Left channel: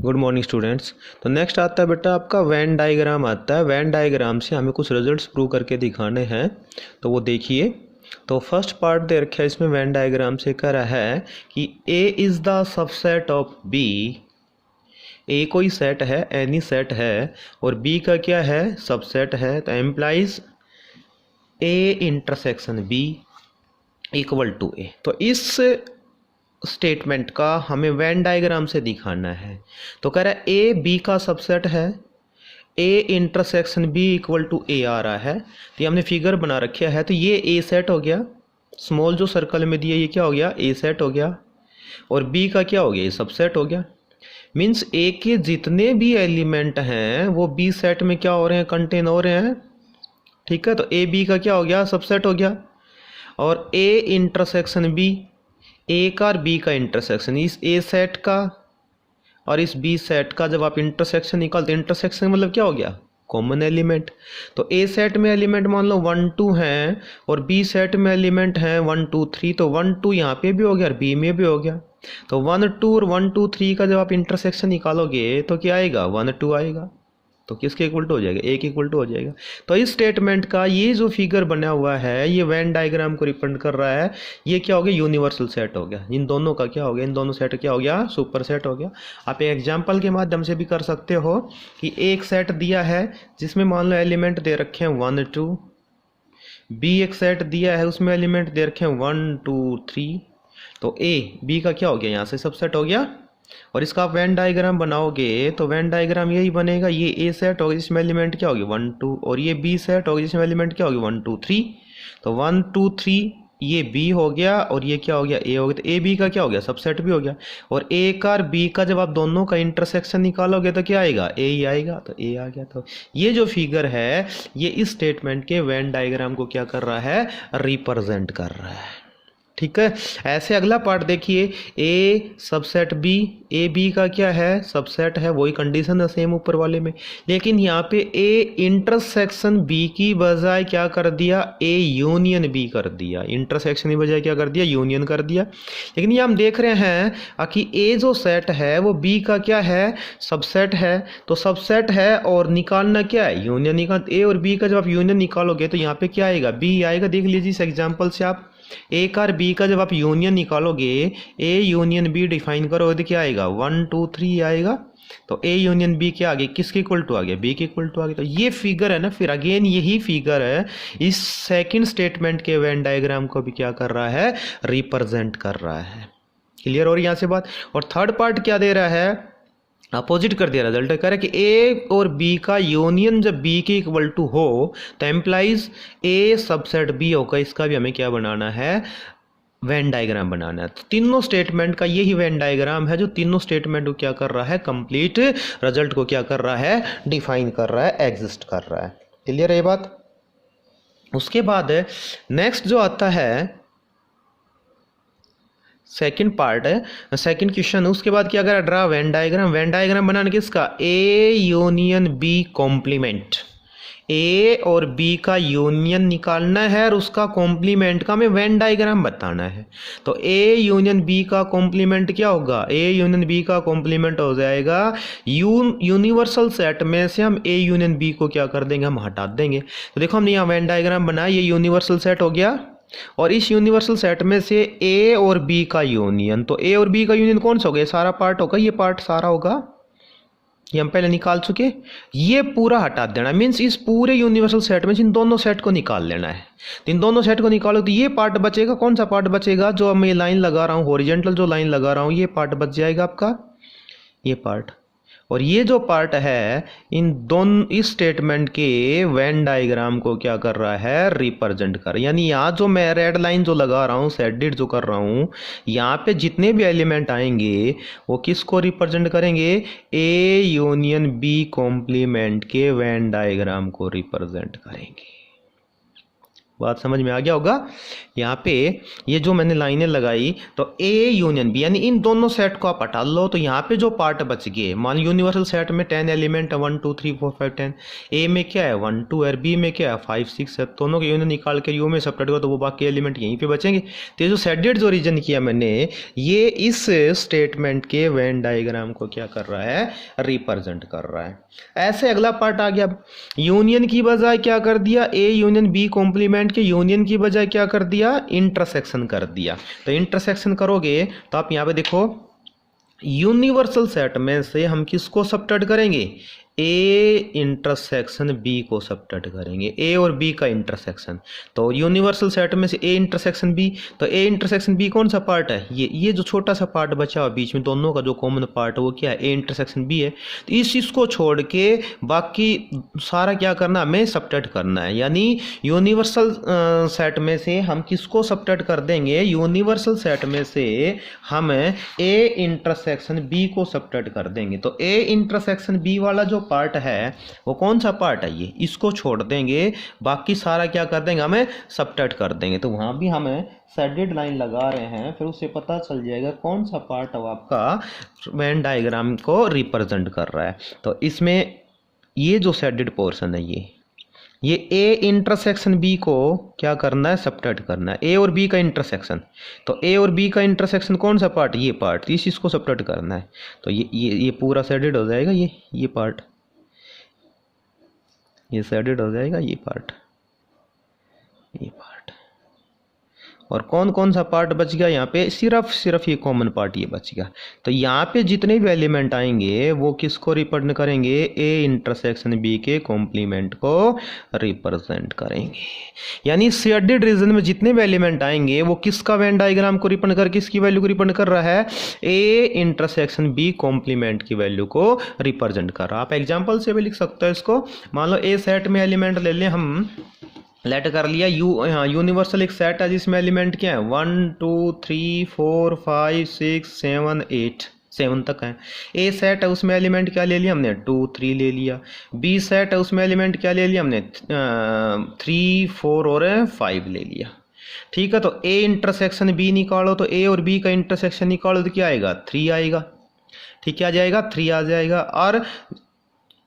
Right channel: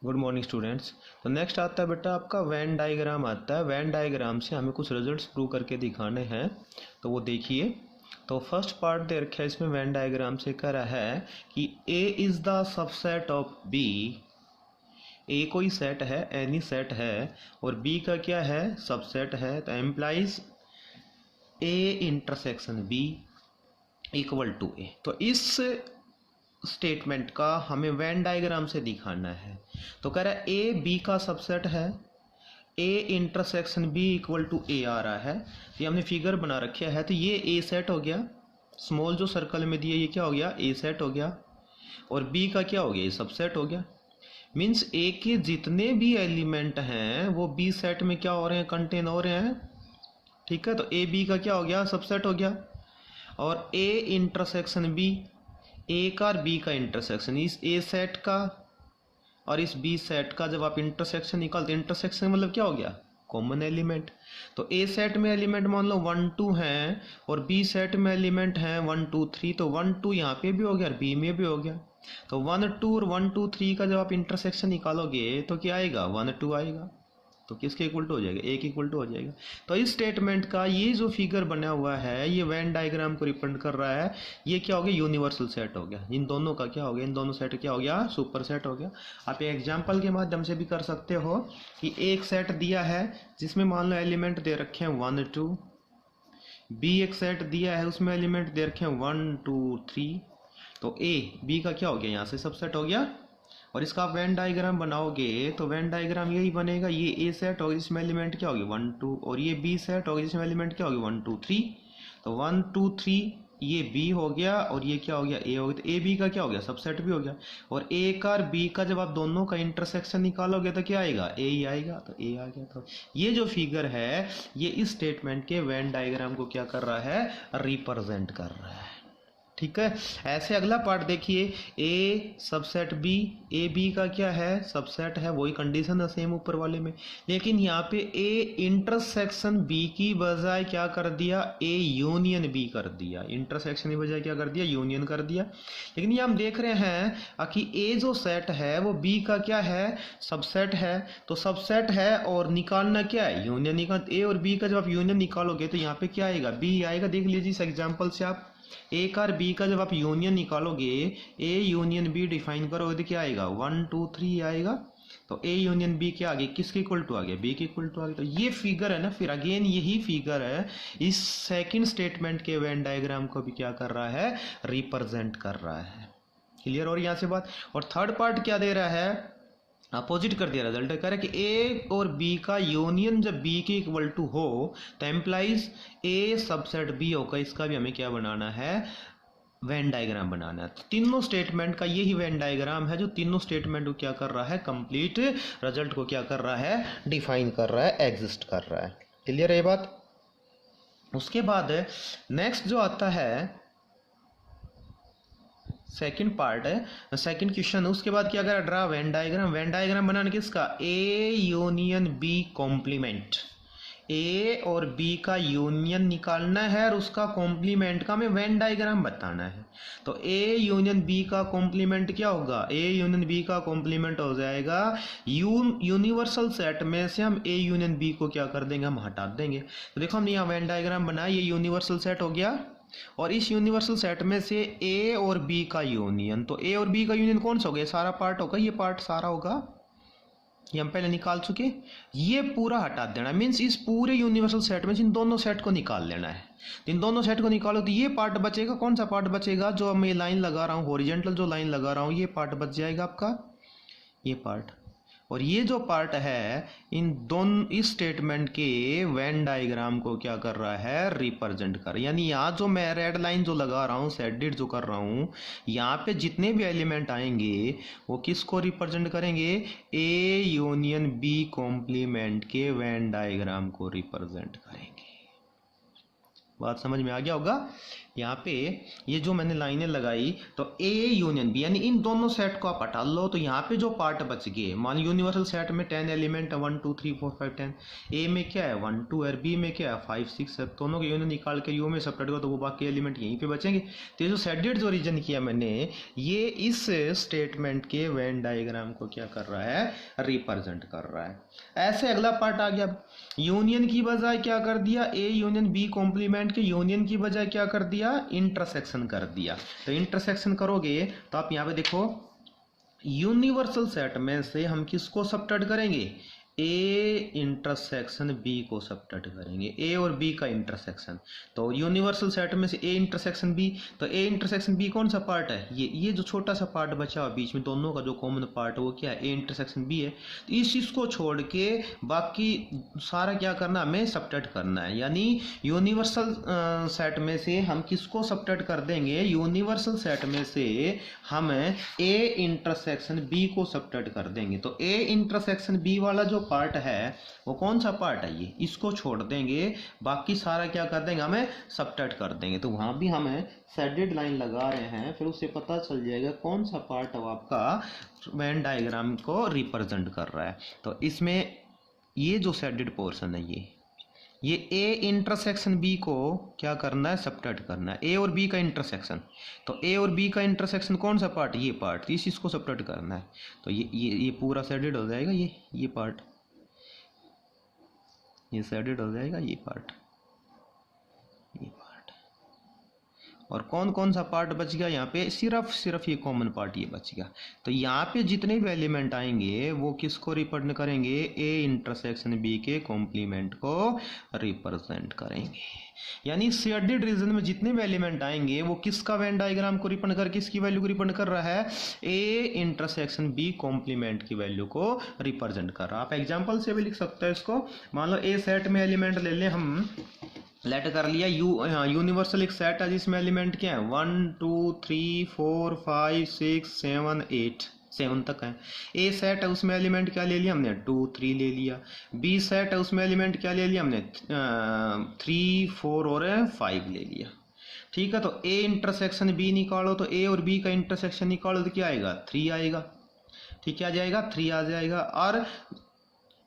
Good morning students. तो next आता है बेटा आपका वेन डायग्राम आता है। वेन डायग्राम से हमें कुछ रिजल्ट्स प्रूव करके दिखाने हैं, तो वो देखिए। तो फर्स्ट पार्ट दे रखा है इसमें वेन डायग्राम से कह रहा है कि A is the subset of B. A कोई सेट है, एनी सेट है, और बी का क्या है, सबसेट है। तो implies A intersection B equal to A. तो इस स्टेटमेंट का हमें वेन डायग्राम से दिखाना है। तो कह रहा है ए बी का सबसेट है, A intersection B equal to A आ रहा है। तो ये हमने फिगर बना रखा है। तो ये ए सेट हो गया, स्मॉल जो सर्कल में दिया ये क्या हो गया, ए सेट हो गया, और बी का क्या हो गया, ये सबसेट हो गया। मीन्स ए के जितने भी एलिमेंट हैं वो बी सेट में क्या हो रहे हैं, कंटेन हो रहे हैं। ठीक है, तो ए बी का क्या हो गया, सबसेट हो गया। और ए इंटरसेक्शन बी, ए का और बी का इंटरसेक्शन, इस ए सेट का और इस बी सेट का जब आप इंटरसेक्शन निकालते, इंटरसेक्शन मतलब क्या हो गया, कॉमन एलिमेंट। तो ए सेट में एलिमेंट मान लो 1 2 हैं, और बी सेट में एलिमेंट हैं 1 2 3। तो 1 2 यहाँ पे भी हो गया और बी में भी हो गया। तो 1 2 और 1 2 3 का जब आप इंटरसेक्शन निकालोगे तो क्या आएगा, 1 2 आएगा। तो किसके इक्वल टू हो जाएगा, ए के इक्वल टू हो जाएगा। तो इस स्टेटमेंट का ये जो फिगर बना हुआ है ये वेन डायग्राम को रिप्रेजेंट कर रहा है। ये क्या हो गया, यूनिवर्सल सेट हो गया। इन दोनों का क्या हो गया, इन दोनों सेट क्या हो गया, सुपर सेट हो गया। आप एक एग्जांपल के माध्यम से भी कर सकते हो कि एक सेट दिया है जिसमें मान लो एलिमेंट दे रखे हैं 1 2, बी एक सेट दिया है उसमें एलिमेंट दे रखे हैं 1 2 3। तो ए बी का क्या हो गया, यहाँ से सबसेट हो गया। और इसका आप वेन डायग्राम बनाओगे तो वेन डायग्राम यही बनेगा, ये ए सेट होगी जिसमें एलिमेंट क्या होगी 1 2, और ये बी सेट होगी जिसमें एलिमेंट क्या होगी 1 2 3। तो 1 2 3 ये बी हो गया और ये क्या हो गया, ए हो गया। तो ए बी का क्या हो गया, सबसेट भी हो गया। और ए का और बी का जब आप दोनों का इंटरसेक्शन निकालोगे तो क्या आएगा, ए ही आएगा। तो ए आ गया। तो ये जो फिगर है ये इस स्टेटमेंट के वेन डायग्राम को क्या कर रहा है, रिप्रेजेंट कर रहा है। ठीक है, ऐसे अगला पार्ट देखिए, ए सबसेट बी, ए बी का क्या है, सबसेट है, वही कंडीशन है सेम ऊपर वाले में। लेकिन यहाँ पे ए इंटरसेक्शन बी की बजाय क्या कर दिया, ए यूनियन बी कर दिया। इंटरसेक्शन की बजाय क्या कर दिया, यूनियन कर दिया। लेकिन ये हम देख रहे हैं कि ए जो सेट है वो बी का क्या है, सबसेट है। तो सबसेट है और निकालना क्या है, यूनियन निकाल। ए और बी का जब आप यूनियन निकालोगे तो यहाँ पे क्या आएगा, बी आएगा। देख लीजिए इस एग्जाम्पल से आप ए का और बी का जब आप यूनियन निकालोगे, ए यूनियन बी डिफाइन करोगे तो क्या आएगा, 1 2 3 आएगा। तो ए यूनियन बी क्या आ गया, किसके इक्वल टू आ गया, बी के इक्वल टू आ गया। तो ये फिगर है ना, फिर अगेन यही फिगर है इस सेकंड स्टेटमेंट के वेन डायग्राम को भी क्या कर रहा है, रिप्रेजेंट कर रहा है। क्लियर हो रही यहाँ से बात। और थर्ड पार्ट क्या दे रहा है, अपोजिट कर दिया रिजल्ट। कह रहा है कि ए और बी का यूनियन जब बी के इक्वल टू हो तो एम्प्लाइज ए सबसेट बी होगा। इसका भी हमें क्या बनाना है, वेन डायग्राम बनाना है। तो तीनों स्टेटमेंट का यही वेन डायग्राम है जो तीनों स्टेटमेंट को क्या कर रहा है, कंप्लीट रिजल्ट को क्या कर रहा है, डिफाइन कर रहा है, एग्जिस्ट कर रहा है। क्लियर है ये बात। उसके बाद नेक्स्ट जो आता है सेकंड पार्ट है, सेकंड क्वेश्चन। उसके बाद क्या करा, draw Venn diagram. Venn diagram बनाने किसका, ए यूनियन बी कॉम्प्लीमेंट। ए और बी का यूनियन निकालना है और उसका कॉम्प्लीमेंट का हमें वेन डायग्राम बताना है। तो ए यूनियन बी का कॉम्प्लीमेंट क्या होगा, ए यूनियन बी का कॉम्प्लीमेंट हो जाएगा यूनिवर्सल सेट में से हम ए यूनियन बी को क्या कर देंगे, हम हटा देंगे। तो देखो हमने यहाँ वेन डायग्राम बनाया, ये यूनिवर्सल सेट हो गया, और इस यूनिवर्सल सेट में से ए और बी का यूनियन। तो ए और बी का यूनियन कौन सा होगा, सारा पार्ट होगा, ये पार्ट सारा होगा, ये हम पहले निकाल चुके। ये पूरा हटा देना, मीन्स इस पूरे यूनिवर्सल सेट में इन दोनों सेट को निकाल लेना है। तो इन दोनों सेट को निकालो तो ये पार्ट बचेगा, कौन सा पार्ट बचेगा, जो मैं लाइन लगा रहा हूँ, हॉरिजॉन्टल जो लाइन लगा रहा हूँ, ये पार्ट बच जाएगा आपका, ये पार्ट। और ये जो पार्ट है इन दोनों इस स्टेटमेंट के वेन डायग्राम को क्या कर रहा है, रिप्रेजेंट कर। यानी यहाँ जो मैं रेड लाइन जो लगा रहा हूँ, सेडेड जो कर रहा हूँ, यहाँ पे जितने भी एलिमेंट आएंगे वो किसको रिप्रेजेंट करेंगे, ए यूनियन बी कॉम्प्लीमेंट के वेन डायग्राम को रिप्रेजेंट करेंगे। बात समझ में आ गया होगा। यहाँ पे ये जो मैंने लाइनें लगाई तो ए यूनियन बी यानी इन दोनों सेट को आप हटा लो तो यहाँ पे जो पार्ट बच गए, मान लो यूनिवर्सल सेट में 10 एलिमेंट है, 1 2 3 4 5 10, ए में क्या है 1 2 और बी में क्या है 5 6 है, दोनों के यूनियन निकाल के यू में सब्ट्रैक्ट करो तो वो बाकी एलिमेंट यहीं पे बचेंगे। तो ये जो सेडेड जो रीजन किया मैंने, ये इस स्टेटमेंट के वेन डायग्राम को क्या कर रहा है, रिप्रेजेंट कर रहा है। ऐसे अगला पार्ट आ गया, यूनियन की बजाय क्या कर दिया, ए यूनियन बी कॉम्प्लीमेंट के यूनियन की बजाय क्या कर दिया, इंटरसेक्शन कर दिया। तो इंटरसेक्शन करोगे तो आप यहाँ पे देखो, यूनिवर्सल सेट में से हम किसको सब्ट्रैक्ट करेंगे, ए इंटरसेक्शन बी को सब्ट्रैक्ट करेंगे, ए और बी का इंटरसेक्शन। तो यूनिवर्सल सेट में से ए इंटरसेक्शन बी, तो ए इंटरसेक्शन बी कौन सा पार्ट है, ये जो छोटा सा पार्ट बचा हुआ बीच में दोनों का जो कॉमन पार्ट है वो क्या है, ए इंटरसेक्शन बी है। तो इस चीज़ को छोड़ के बाकी सारा क्या करना, हमें सब्ट्रैक्ट करना है। यानी यूनिवर्सल सेट में से हम किसको सब्ट्रैक्ट कर देंगे, यूनिवर्सल सेट में से हम ए इंटरसेक्शन बी को सब्ट्रैक्ट कर देंगे। तो ए इंटरसेक्शन बी वाला जो पार्ट है वो कौन सा पार्ट है, ये इसको छोड़ देंगे, बाकी सारा क्या कर देंगे, हमें सब्ट्रैक्ट कर देंगे। तो वहां भी हमें शेडेड लाइन लगा रहे हैं, फिर उससे पता चल जाएगा कौन सा पार्ट है वो आपका वेन डायग्राम को रिप्रेजेंट कर रहा है। तो इसमें ये जो शेडेड पोर्शन है ये ए इंटरसेक्शन बी को क्या करना है, सब्ट्रैक्ट करना है, ए और बी का इंटरसेक्शन। तो ए और बी का इंटरसेक्शन कौन सा पार्ट, ये पार्ट, इस चीज़ को सब्ट्रैक्ट करना है। तो ये पूरा शेडेड हो जाएगा, ये पार्ट, ये शेडेड हो जाएगा, ये पार्ट। और कौन कौन सा पार्ट बच गया यहाँ पे, सिर्फ ये कॉमन पार्ट ये बच गया। तो यहाँ पे जितने भी एलिमेंट आएंगे वो किसको रिप्रेजेंट करेंगे, ए इंटरसेक्शन बी के कॉम्प्लीमेंट को रिप्रेजेंट करेंगे। यानी शेडेड रीजन में जितने भी एलिमेंट आएंगे वो किसका वेन डायग्राम को रिप्रेजेंट कर, किसकी वैल्यू को रिप्रेजेंट कर रहा है, ए इंटरसेक्शन बी कॉम्प्लीमेंट की वैल्यू को रिप्रेजेंट कर रहा है। आप एग्जाम्पल से भी लिख सकते हो इसको। मान लो ए सेट में एलिमेंट ले लें हम, लेट कर लिया यूनिवर्सल एक सेट है जिसमें एलिमेंट क्या है 1 2 3 4 5 6 7 8, 7 तक है। ए सेट है उसमें एलिमेंट क्या ले लिया हमने 2 3 ले लिया। बी सेट है उसमें एलिमेंट क्या ले लिया हमने 3 4 और 5 ले लिया। ठीक है, तो ए इंटरसेक्शन बी निकालो, तो ए और बी का इंटरसेक्शन निकालो तो क्या आएगा 3 आएगा। ठीक, क्या आ जाएगा 3 आ जाएगा। और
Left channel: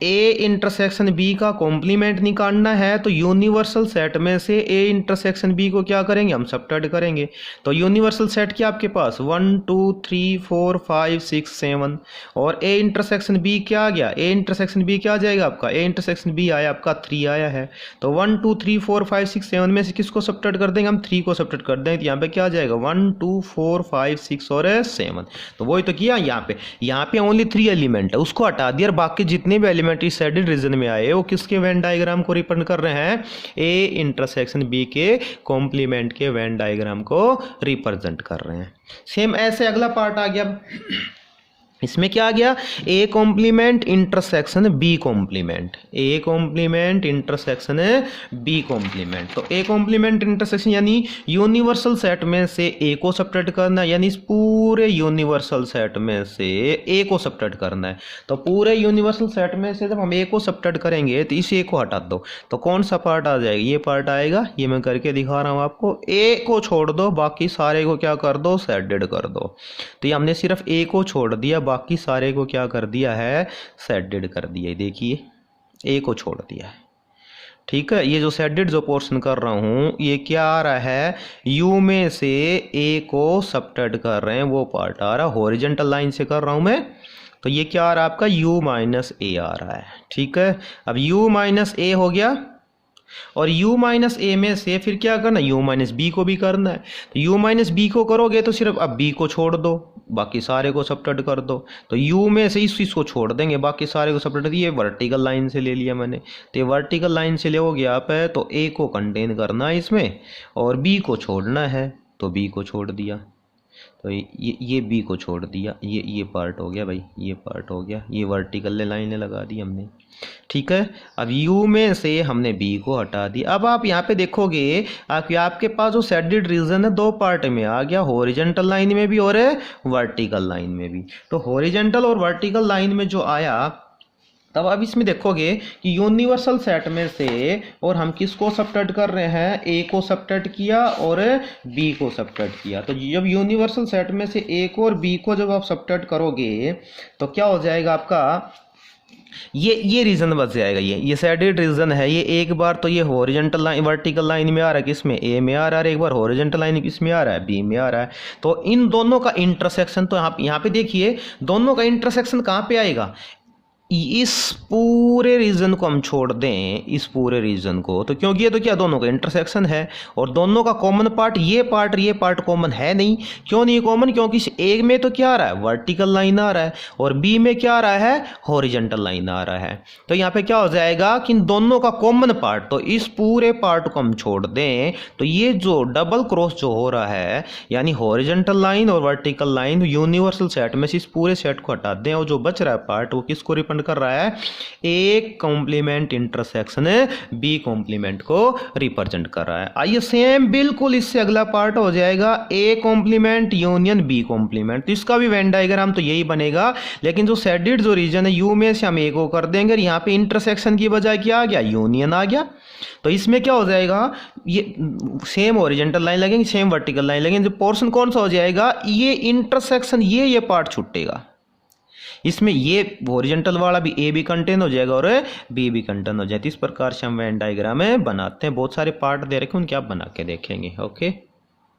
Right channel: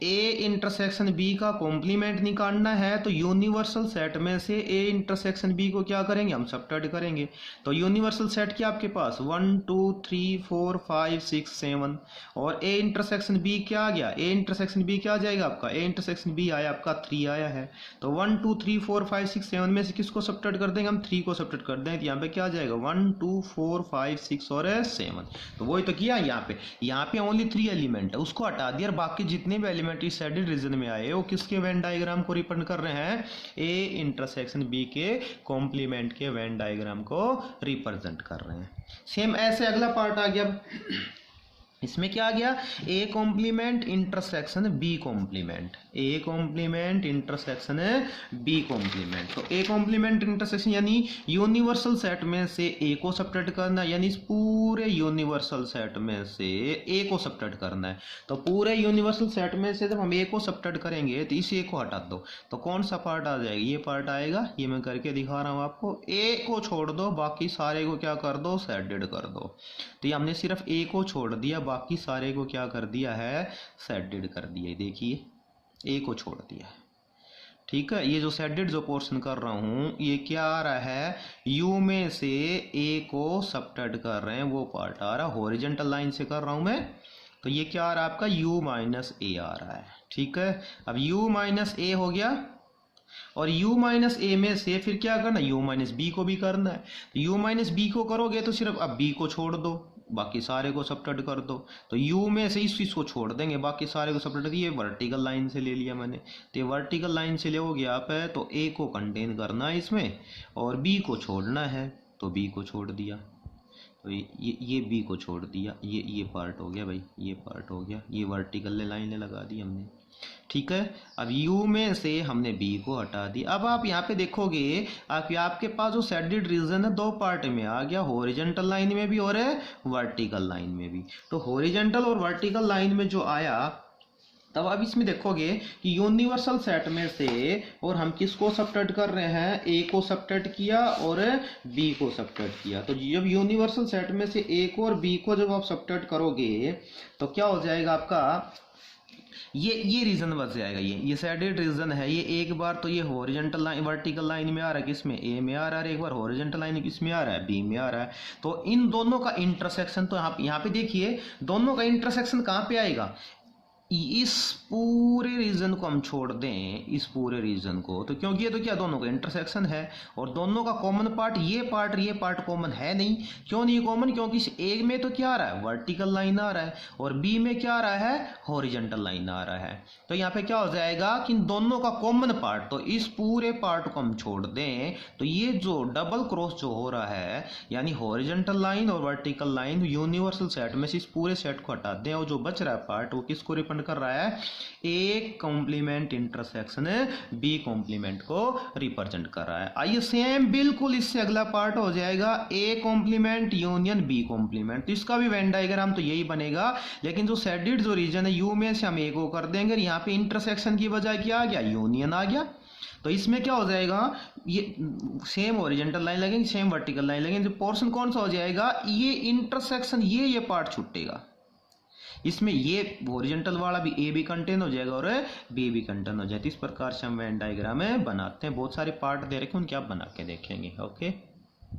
ए इंटरसेक्शन बी का कॉम्प्लीमेंट निकालना है तो यूनिवर्सल सेट में से ए इंटरसेक्शन बी को क्या करेंगे, हम सब्ट्रैक्ट करेंगे। तो यूनिवर्सल सेट क्या आपके पास 1 2 3 4 5 6 7 और ए इंटरसेक्शन बी क्या आ गया, ए इंटरसेक्शन बी क्या आ जाएगा आपका, ए इंटरसेक्शन बी आया आपका 3 आया है। तो 1 2 3 4 5 6 7 में से किसको सब्ट्रैक्ट कर देंगे, हम 3 को सब्ट्रैक्ट कर देंगे। तो यहाँ पे क्या आ जाएगा 1 2 4 5 6 और 7। तो वही तो किया, यहाँ पे ओनली 3 एलिमेंट है उसको हटा दिया, बाकी जितने भी एलिमेंट इस शेडेड रीजन में आए वो किसके वेन डायग्राम को रिप्रेजेंट कर रहे हैं, ए इंटरसेक्शन बी के कॉम्प्लीमेंट के वेन डायग्राम को रिप्रेजेंट कर रहे हैं। सेम ऐसे अगला पार्ट आ गया, इसमें क्या आ गया, A complement intersection B complement, A complement intersection B complement. तो ए कॉम्प्लीमेंट इंटरसेक्शन यानी यूनिवर्सल सेट में से ए को सब्ट्रैक्ट करना है, यानी इस पूरे यूनिवर्सल सेट में से ए को सब्ट्रैक्ट करना है। तो पूरे यूनिवर्सल सेट में से जब हम ए को सब्ट्रैक्ट करेंगे तो इस ए को हटा दो, तो कौन सा पार्ट आ जाएगा, ये पार्ट आएगा। ये मैं करके दिखा रहा हूँ आपको, ए को छोड़ दो, बाकी सारे को क्या कर दो, शेडेड कर दो। तो ये हमने सिर्फ ए को छोड़ दिया, बाकी सारे को क्या कर दिया है, शेडेड कर दिया। देखिए ए को छोड़ दिया है। ठीक है, ये जो शेडेड जो पोर्शन कर रहा हूँ ये क्या आ रहा है, यू में से ए को सब्ट्रैक्ट कर रहे हैं वो पार्ट आ रहा है, हॉरिजॉन्टल लाइन से कर रहा हूँ मैं। तो ये क्या आ रहा है आपका u माइनस ए आ रहा है। ठीक है, अब u माइनस ए हो गया और u माइनस ए में से फिर क्या करना, u माइनस बी को भी करना है। तो u माइनस बी को करोगे तो सिर्फ अब b को छोड़ दो, बाकी सारे को सब्ट्रैक्ट कर दो। तो u में से इस चीज़ को छोड़ देंगे, बाकी सारे को सब्ट्रैक्ट। ये वर्टिकल लाइन से ले लिया मैंने, तो ये वर्टिकल लाइन से लोगे आप है तो a को कंटेन करना है इसमें और b को छोड़ना है, तो b को छोड़ दिया। तो ये b को छोड़ दिया, ये पार्ट हो गया भाई, ये पार्ट हो गया, ये वर्टिकल लाइनें लगा दी हमने। ठीक है, अब u में से हमने b को हटा दिया। अब आप यहाँ पे देखोगे आपके पास जो शेडेड रीजन है दो पार्ट में आ गया, हॉरिजॉन्टल लाइन में भी और वर्टिकल लाइन में भी। तो हॉरिजॉन्टल और वर्टिकल लाइन में जो आया तब अब इसमें देखोगे कि यूनिवर्सल सेट में से और हम किसको सबट्रैक्ट कर रहे हैं, ए को सबट्रैक्ट किया और बी को सबट्रैक्ट किया। तो जब यूनिवर्सल सेट में से ए को और बी को जब आप सबट्रैक्ट करोगे तो क्या हो जाएगा आपका, ये रीजन बच जाएगा। ये सैडेड रीजन है। ये एक बार तो ये हॉरिजॉन्टल लाइन वर्टिकल लाइन में आ रहा है, किसमें, ए में आ रहा है, एक बार हॉरिजॉन्टल लाइन किसमें आ रहा है, बी में आ रहा है। तो इन दोनों का इंटरसेक्शन, तो यहाँ पे देखिए दोनों का इंटरसेक्शन कहाँ पे आएगा, इस पूरे रीजन को हम छोड़ दें, इस पूरे रीजन को, तो क्योंकि ये तो क्या दोनों का इंटरसेक्शन है और दोनों का कॉमन पार्ट ये पार्ट कॉमन है नहीं। क्यों नहीं कॉमन, क्योंकि ए में तो क्या आ रहा है, वर्टिकल लाइन आ रहा है और बी में क्या आ रहा है, हॉरिजॉन्टल लाइन आ रहा है। तो यहाँ पे क्या हो जाएगा कि इन दोनों का कॉमन पार्ट, तो इस पूरे पार्ट को हम छोड़ दें तो ये जो डबल क्रॉस जो हो रहा है, यानी हॉरिजॉन्टल लाइन और वर्टिकल लाइन यूनिवर्सल सेट में से इस पूरे सेट को हटा दें और जो बच रहा है पार्ट वो किसको रिप्रेजेंट कर रहा है, A complement intersection B complement को रिप्रेजेंट कर रहा है। आइए सेम बिल्कुल इससे अगला पार्ट हो जाएगा A complement union B complement. तो इसका भी वेन डायग्राम तो यही बनेगा, लेकिन जो शेडेड जो रीजन है यू में से हम ए को कर देंगे, यहाँ पे इंटरसेक्शन की बजाय क्या आ गया, यूनियन आ गया। तो इसमें क्या हो जाएगा, ये सेम ओरिजेंटल लाइन लगेंगे, सेम वर्टिकल लाइन लगेंगे, जो पोर्शन कौन सा हो जाएगा, ये इंटरसेक्शन, ये पार्ट छूटेगा। इसमें ये हॉरिजॉन्टल वाला भी ए भी कंटेन हो जाएगा और बी भी कंटेन हो जाएगा। इस प्रकार से हम वेन डायग्राम बनाते हैं। बहुत सारे पार्ट दे रखे हैं, उनके आप बना के देखेंगे। ओके।